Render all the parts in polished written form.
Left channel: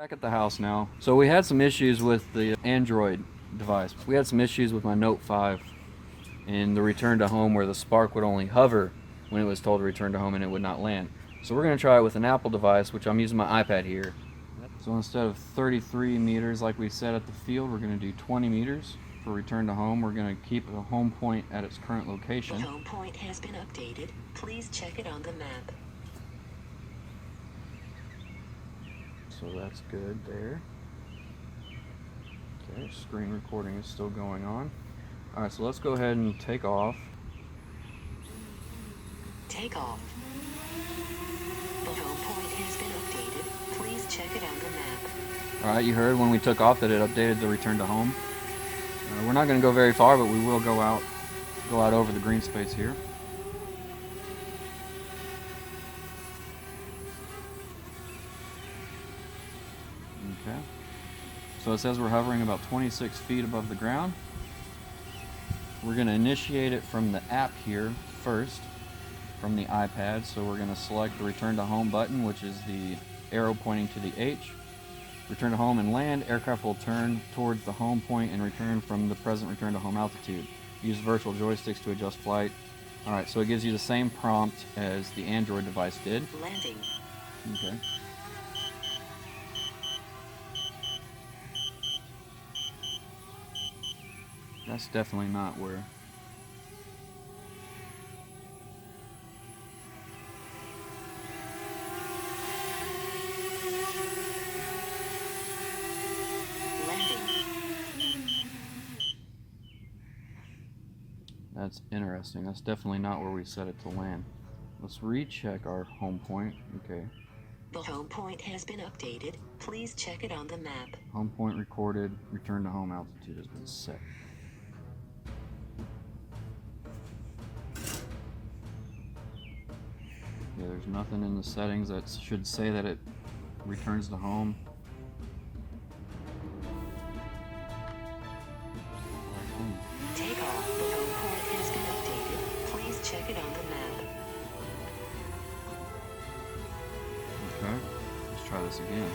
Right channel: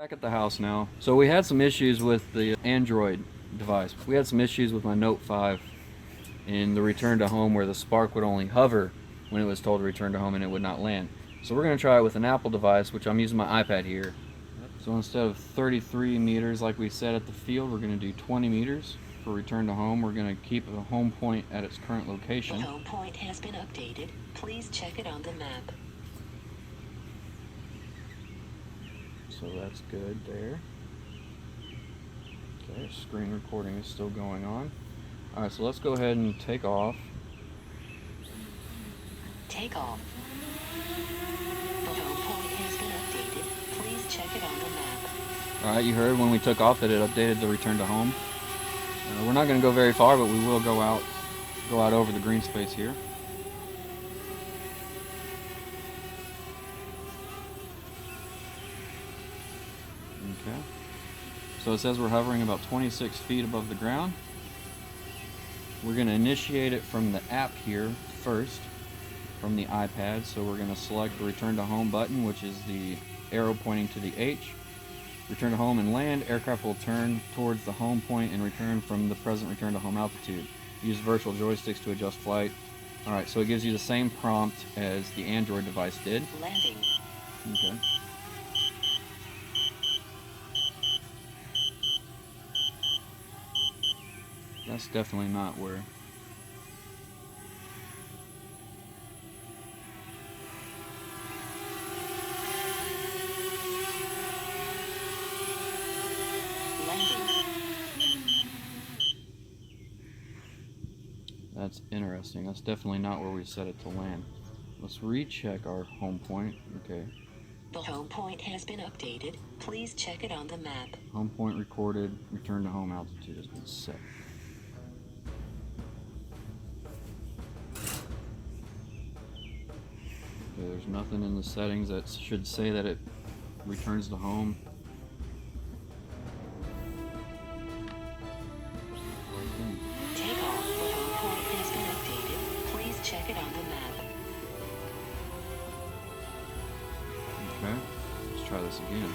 Back at the house now. So we had some issues with the Android device. We had some issues with my Note 5 in the return to home where the Spark would only hover when it was told to return to home and it would not land. So we're going to try it with an Apple device, which I'm using my iPad here. So instead of 33 meters like we said at the field, we're going to do 20 meters for return to home. We're going to keep the home point at its current location. The home point has been updated. Please check it on the map. So that's good there. Okay, screen recording is still going on. Alright, so let's go ahead and take off. Take off. The home point has been updated. Please check it on the map. Alright, you heard when we took off that it updated the return to home. We're not going to go very far, but we will go out over the green space here. Okay. So it says we're hovering about 26 feet above the ground. We're going to initiate it from the app here first, from the iPad. So we're going to select the return to home button, which is the arrow pointing to the H. Return to home and land. Aircraft will turn towards the home point and return from the present return to home altitude. Use virtual joysticks to adjust flight. Alright, so it gives you the same prompt as the Android device did. Landing. Okay. That's definitely not where. That's interesting. That's definitely not where we set it to land. Let's recheck our home point. Okay. The home point has been updated. Please check it on the map. Home point recorded. Return to home altitude has been set. Okay, there's nothing in the settings that should say that it returns to home. Take off. The home point has been updated. Please check it on the map. Okay, let's try this again.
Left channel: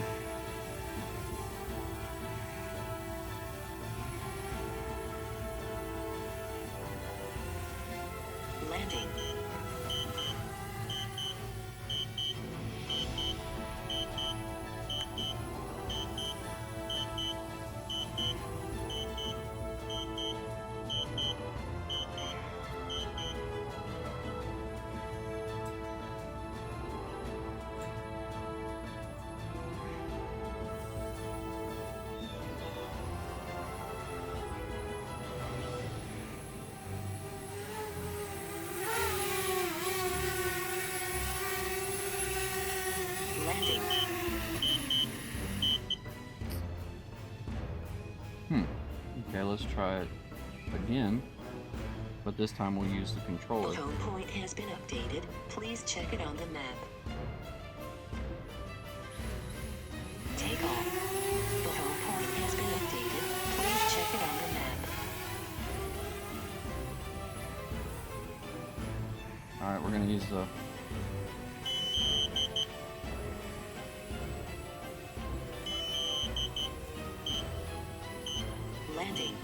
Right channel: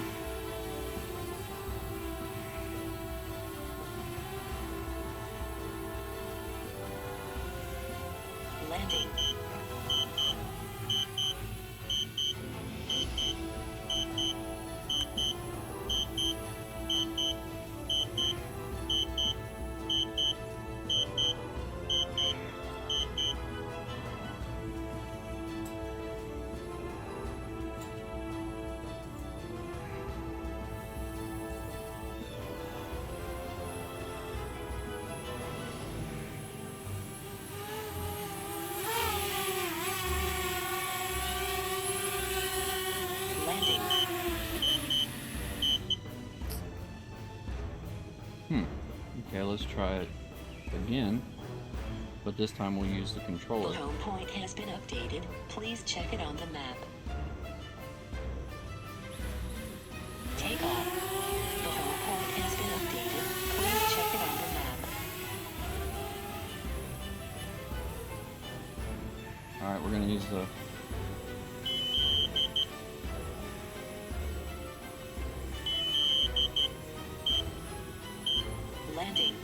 Landing. Okay, let's try it again, but this time we'll use the controller. The home point has been updated. Please check it on the map. Take off. The home point has been updated. Please check it on the map. Alright, we're going to use the landing.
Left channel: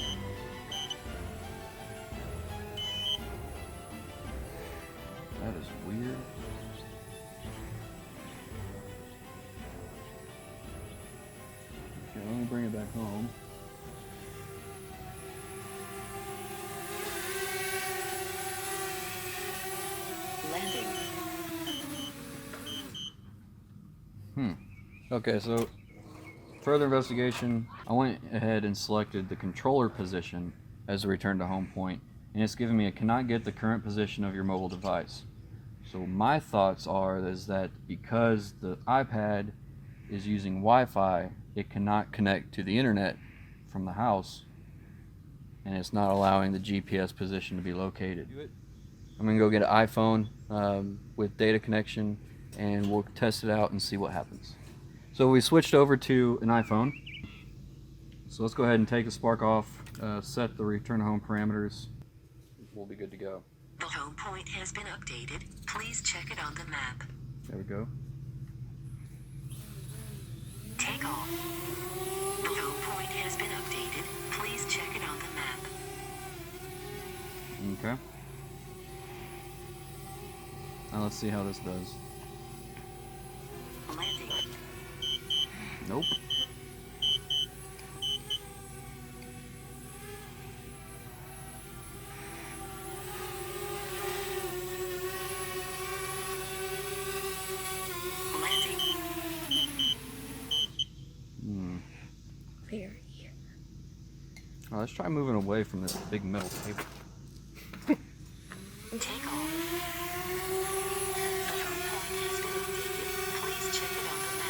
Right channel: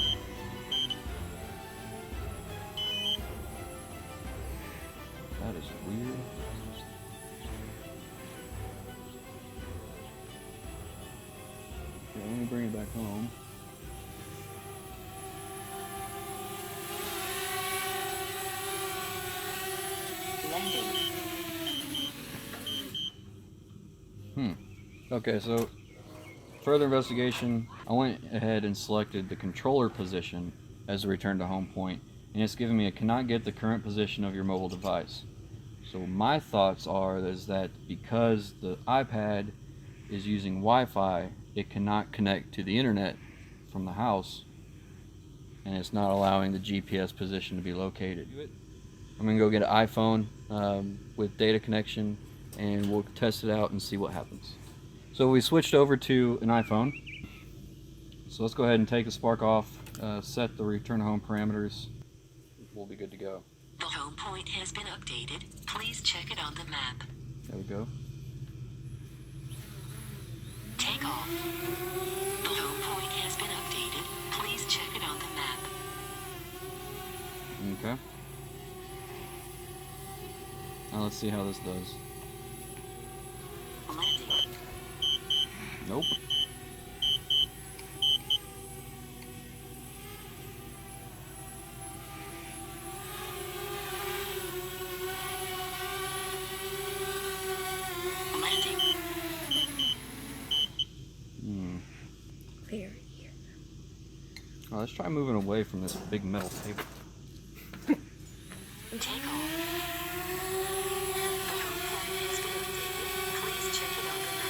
That is weird. Okay, let me bring it back home. Landing. Okay, so further investigation, I went ahead and selected the controller position as the return to home point, and it's giving me a cannot get the current position of your mobile device. So my thoughts is that because the iPad is using Wi-Fi, it cannot connect to the internet from the house, and it's not allowing the GPS position to be located. I'm gonna go get an iPhone with data connection, and we'll test it out and see what happens. So we switched over to an iPhone. So let's go ahead and take the Spark off, set the return to home parameters. We'll be good to go. The home point has been updated. Please check it on the map. There we go. Take off. The home point has been updated. Please check it on the map. Okay. Now let's see how this does. Landing. Nope. Landing. Clear here. Well, let's try moving away from this big metal table. Take off. The home point has been updated. Please check it on the map.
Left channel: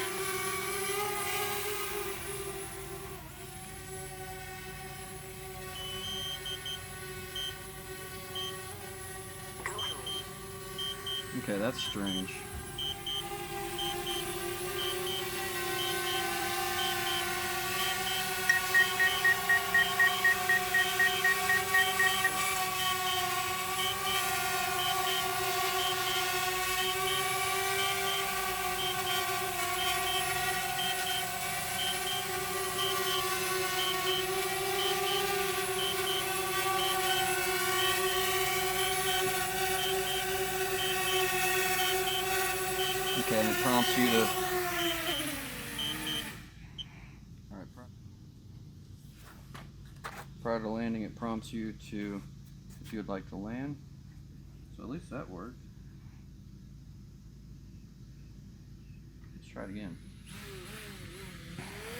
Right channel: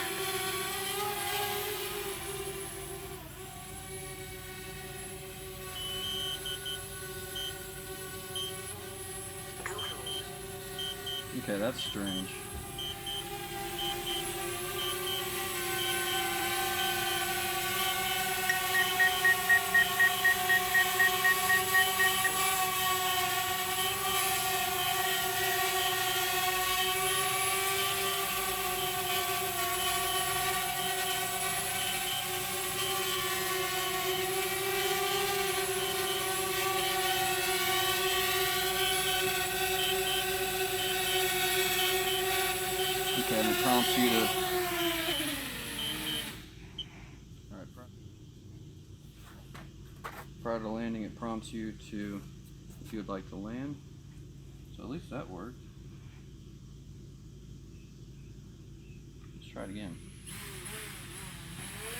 Go home. Okay, that's strange. Okay, and it prompts you to. Alright, prior to landing, it prompts you to, if you would like to land. So at least that worked. Let's try it again.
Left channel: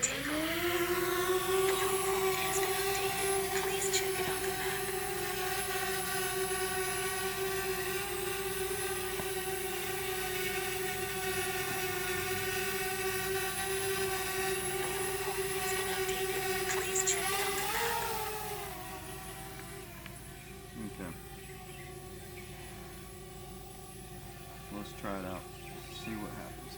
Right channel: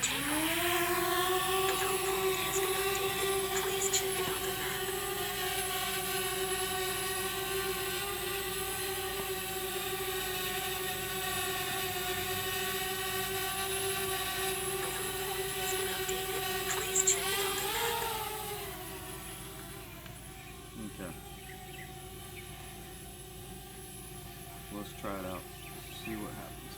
Take off. The home point has been updated. Please check it on the map. Okay. Let's try it out. See what happens.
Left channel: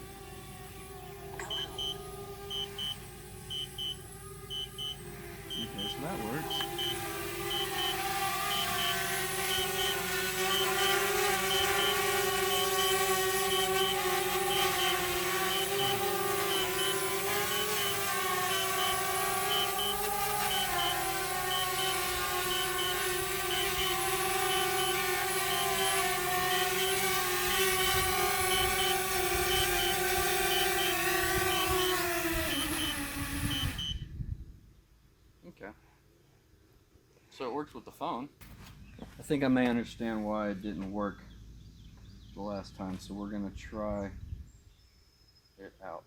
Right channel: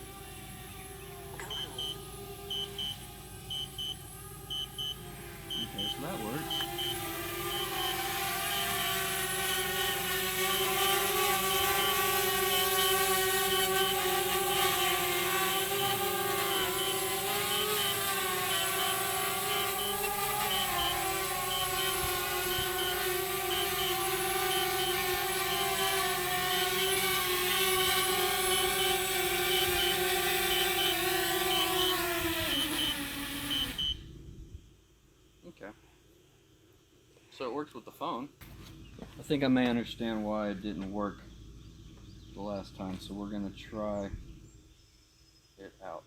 Okay, so that works. Okay. So it works with the phone. I think I may understand why it didn't work the last time, so we're going to try it out.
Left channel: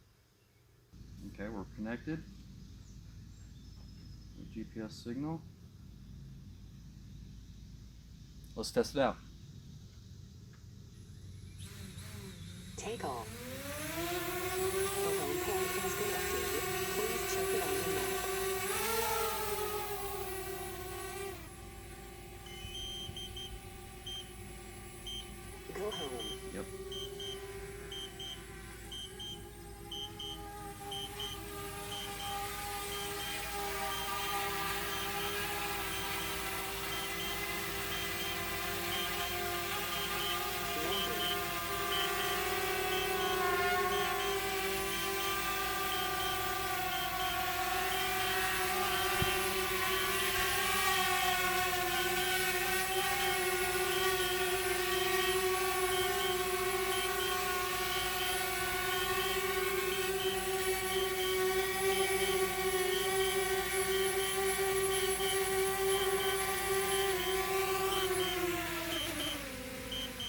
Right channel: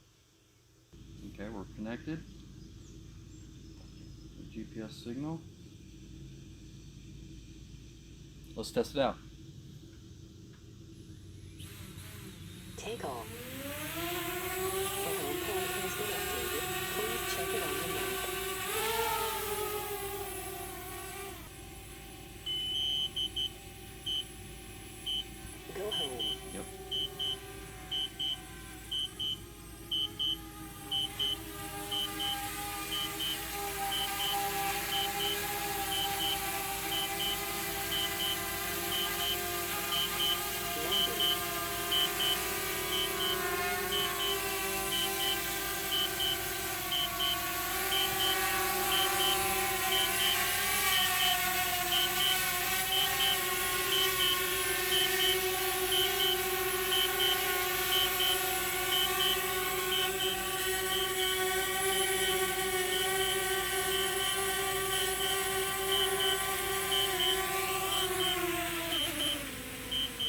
Okay, we're connected. The GPS signal. Let's test it out. Take off. The home point has been updated. Please check it on the map. Go home. Yep. Landing.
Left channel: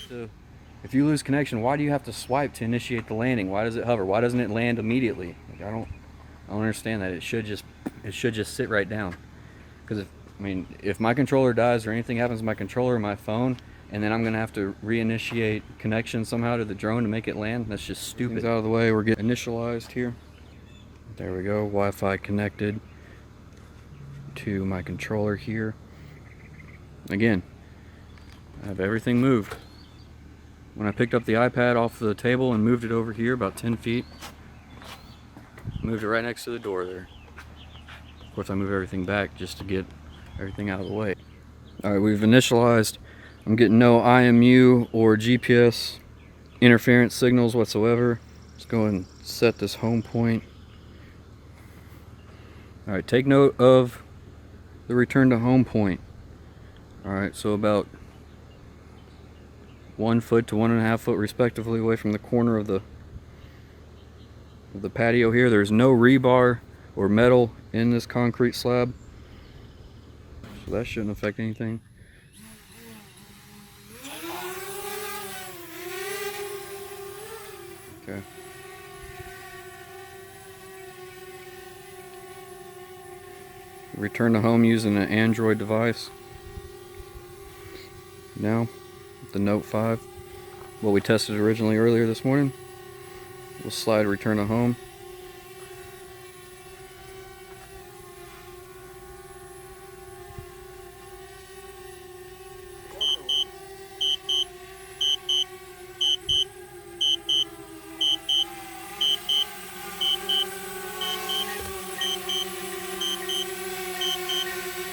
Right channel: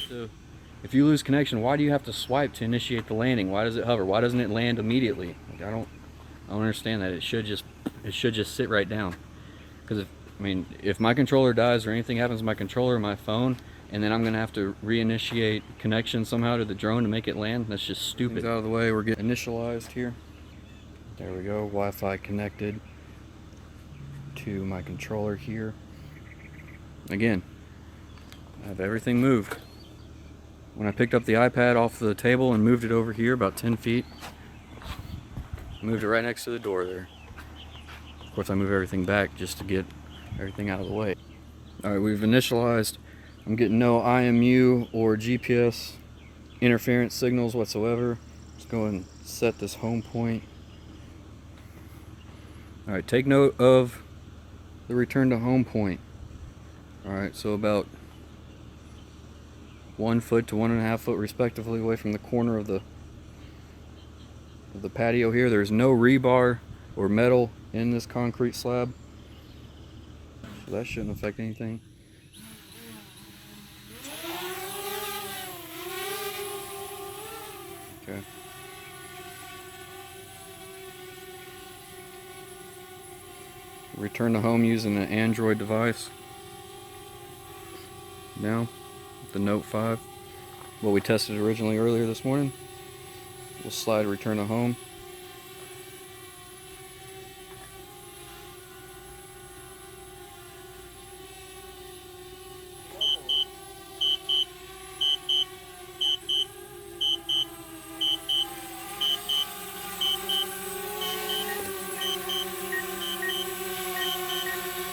So if you lose connection, why do you have to swipe to initiate the landing? Why does it hover? Why doesn't it land immediately? Like, I don't understand that. It should just sit right down. Because if my controller dies or anything happens to my controller or my phone, and then I'm gonna have to reinitiate connection somehow to the drone to make it land, that's just stupid. Things out of the way, we're getting initialized here. There we go, Wi-Fi connected to my controller here. Again, I have everything moved. When I picked up the iPad off the table and moved it over here about 10 feet, moved it right next to the door there. Of course, I move everything back just to get everything out of the way. All right, we've initialized. I'm getting no IMU or GPS interference signals whatsoever. Let's go and set this home point Alright, take note of the return to home point. Alright, so about 1 foot to 1.5 foot respectively away from the corner of the patio here. There's no rebar or metal in this concrete slab, so that shouldn't affect anything. Okay. Return to home using an Android device. Now, the Note 5, what we tested originally earlier this morning. We'll slide return to home.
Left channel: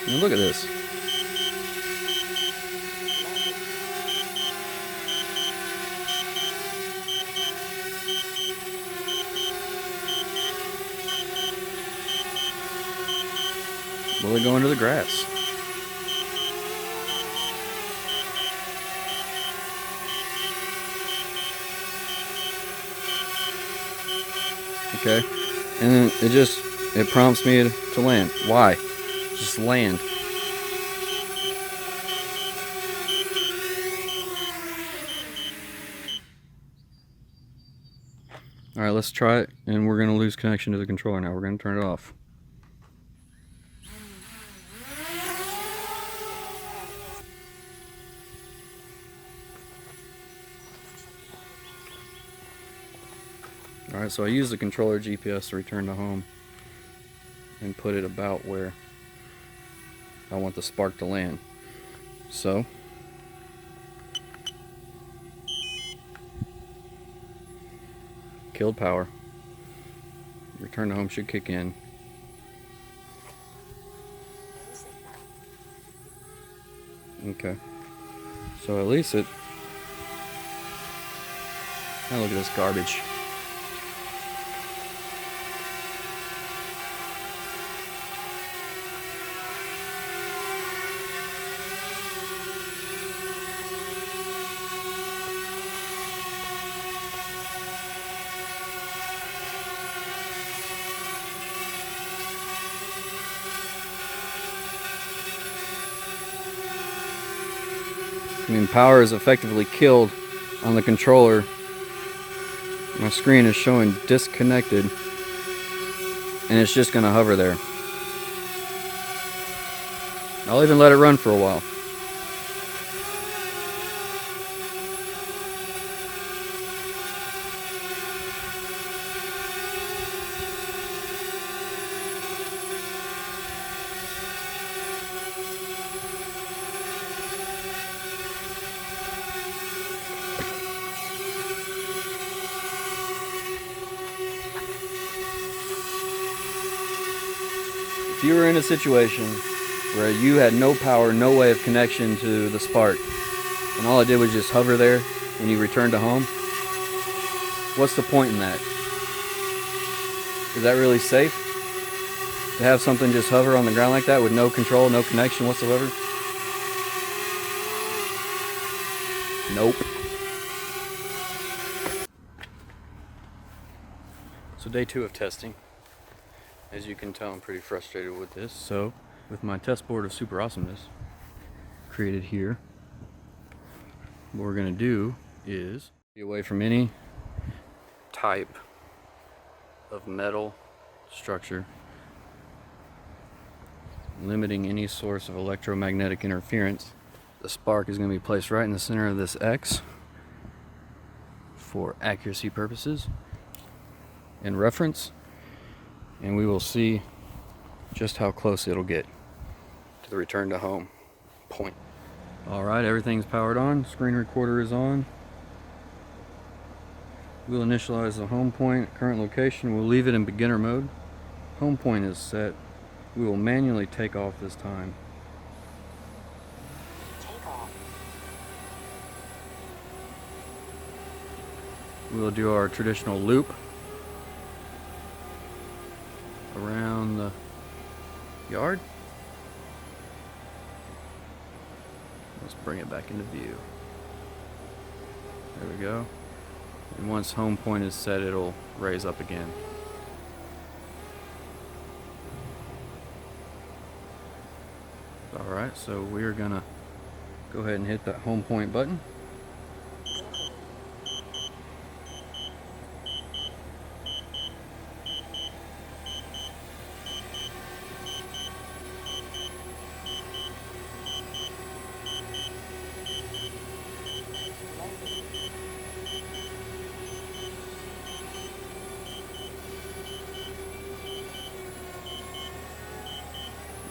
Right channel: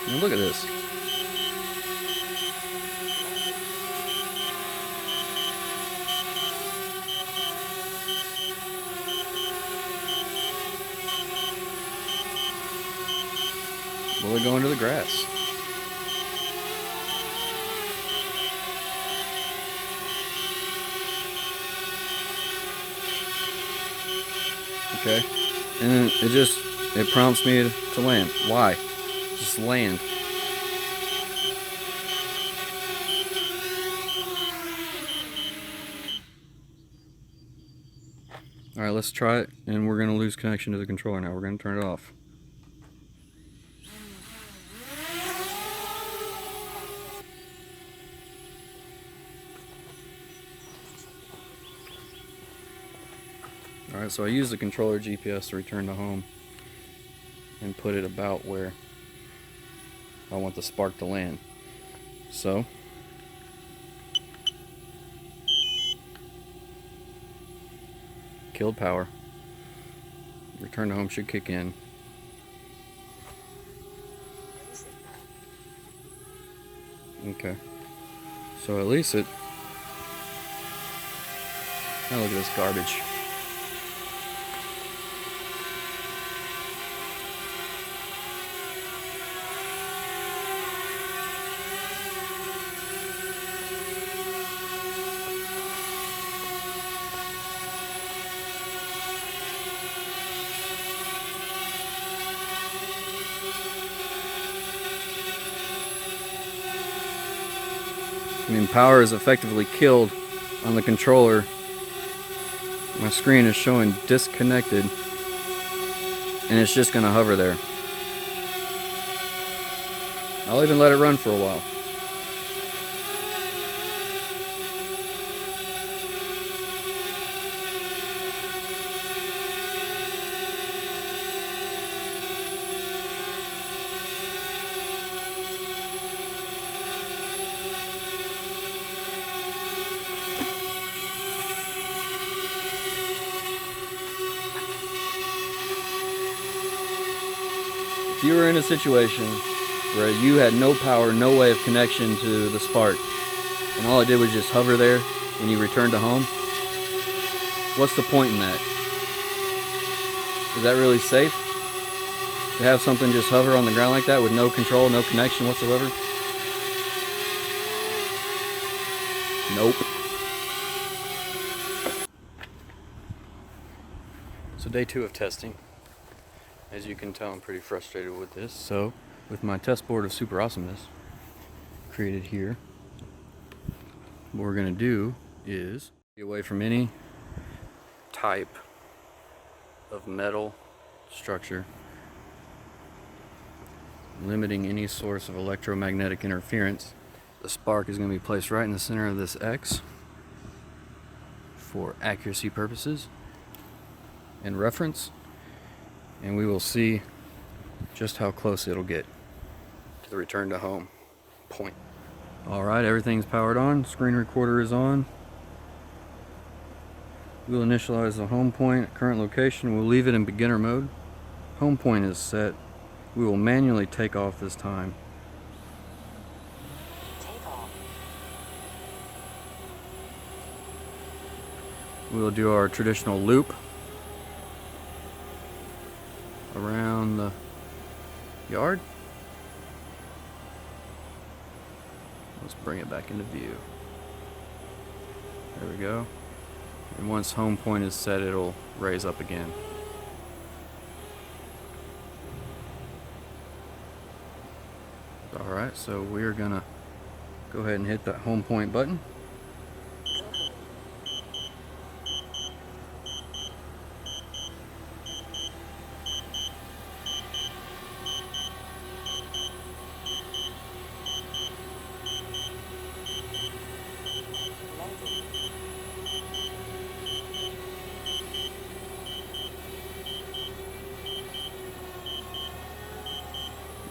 And look at this. Well, they're going to the grass. Okay. And then it prompts me to land. Why? Just land. Alright, let's try it, and we're going to lose connection to the controller now. We're going to turn it off. Alright, so I use the controller GPS to return to home and put it about where I want the Spark to land. So, killed power. Return to home should kick in. Okay. So at least it... Now look at this garbage. I mean, power is effectively killed on the controller. My screen is showing disconnected, and it's just going to hover there. I'll even let it run for a while. If you were in a situation where you had no power, no way of connection to the Spark, and all it did was just hover there and you returned to home, what's the point in that? Is that really safe? To have something just hover on the ground like that with no control, no connection whatsoever? Nope. So day 2 of testing. As you can tell, I'm pretty frustrated with this. So, with my test board of super awesomeness created here, what we're going to do is be away from any type of metal structure, limiting any source of electromagnetic interference. The Spark is going to be placed right in the center of this X for accuracy purposes and reference. And we will see just how close it'll get to the return to home point. Alright, everything's powered on. Screen recorder is on. We'll initialize the home point at current location. We'll leave it in beginner mode. Home point is set. We will manually take off this time. Take off. We'll do our traditional loop around the yard. Let's bring it back into view. There we go. And once home point is set, it'll raise up again. Alright, so we're gonna go ahead and hit that home point button.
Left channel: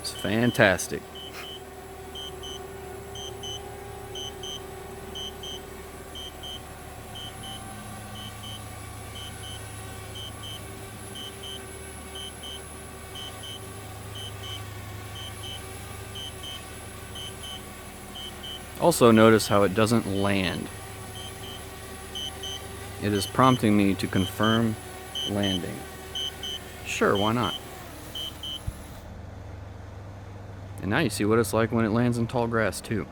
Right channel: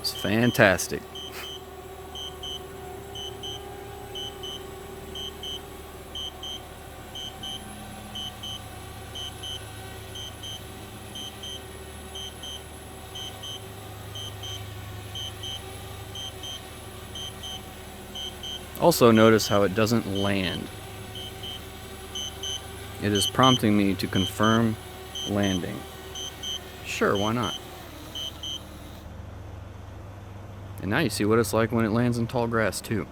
It's fantastic. Also notice how it doesn't land. It is prompting me to confirm landing. Sure, why not? And now you see what it's like when it lands in tall grass too.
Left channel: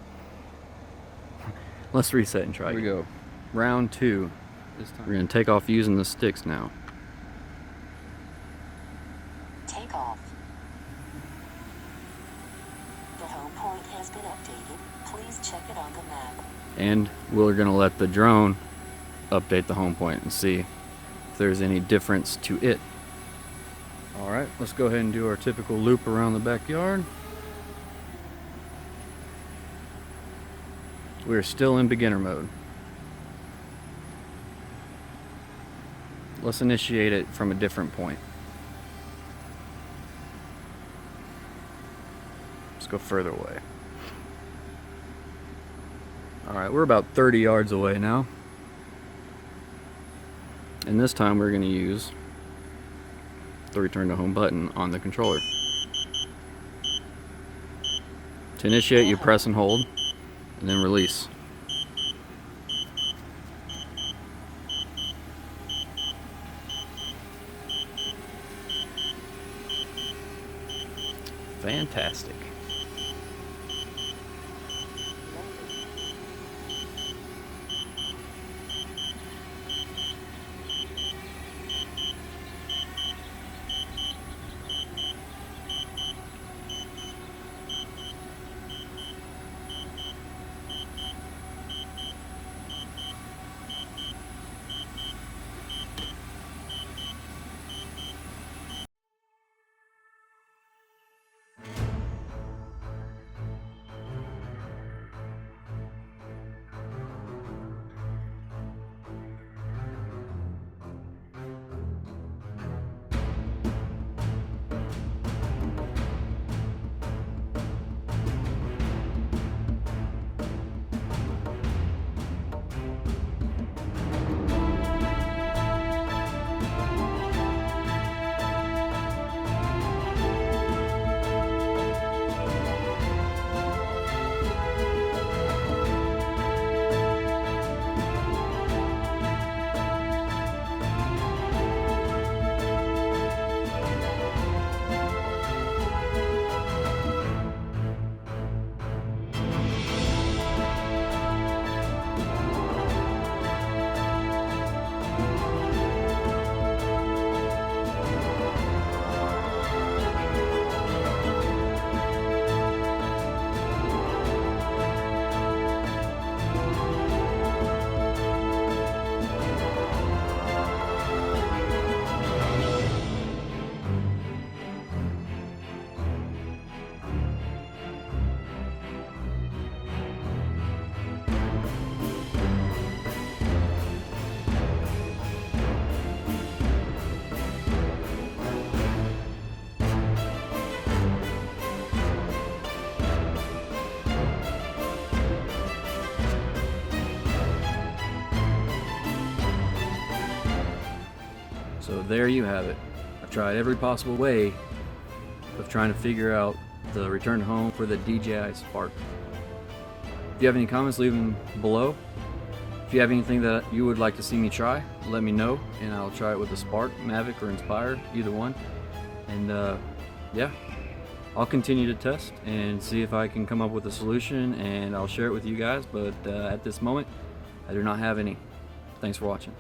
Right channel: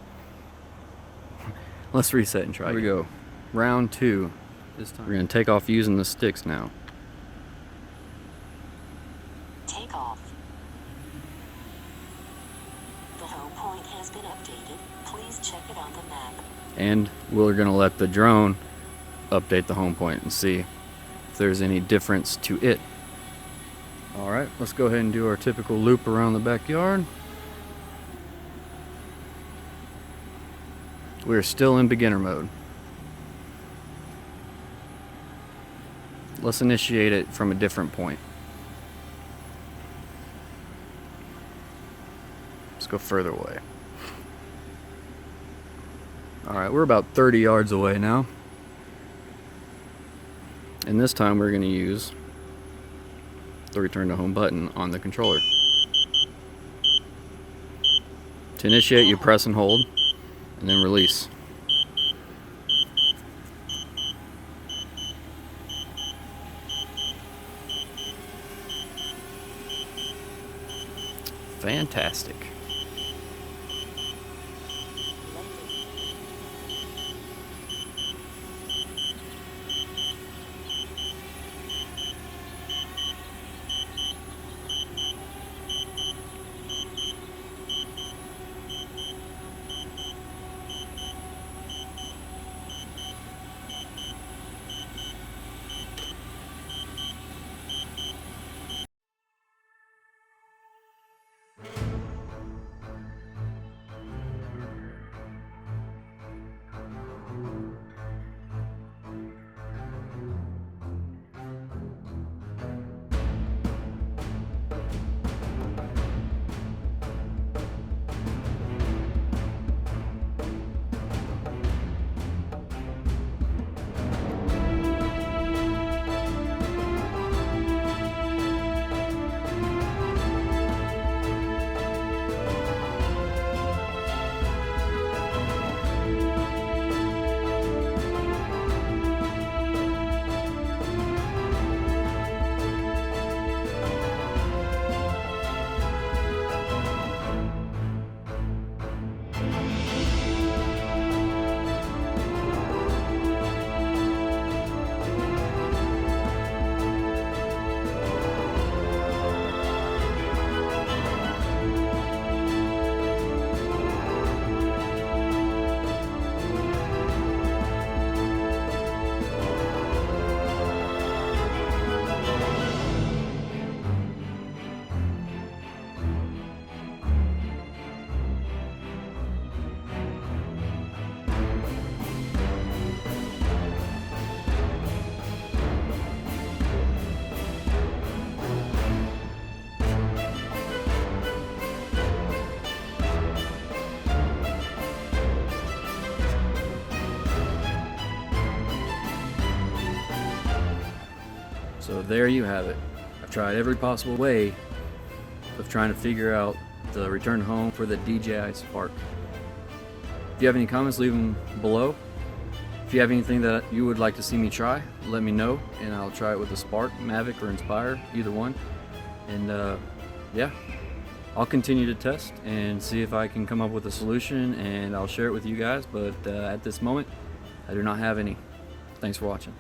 Let's reset and try. Here we go. Round 2. This time we're going to take off using the sticks now. Take off. The home point has been updated. Please check it on the map. And we're going to let the drone update the home point and see if there's any difference to it. Alright, let's go ahead and do our typical loop around the backyard. We're still in beginner mode. Let's initiate it from a different point. Let's go further away. Alright, we're about 30 yards away now. And this time we're going to use the return to home button on the controller. To initiate, you press and hold, and then release. Fantastic. So there you have it. I've tried every possible way of trying to figure out the return home for the DJI Spark. If you have any comments, leave them below. If you have anything that you would like to see me try, let me know, and I'll try it with the Spark, Mavic, or Inspire, either one. And yeah, I'll continue to test and see if I can come up with a solution, and I'll share it with you guys, but at this moment I do not have any. Thanks for watching.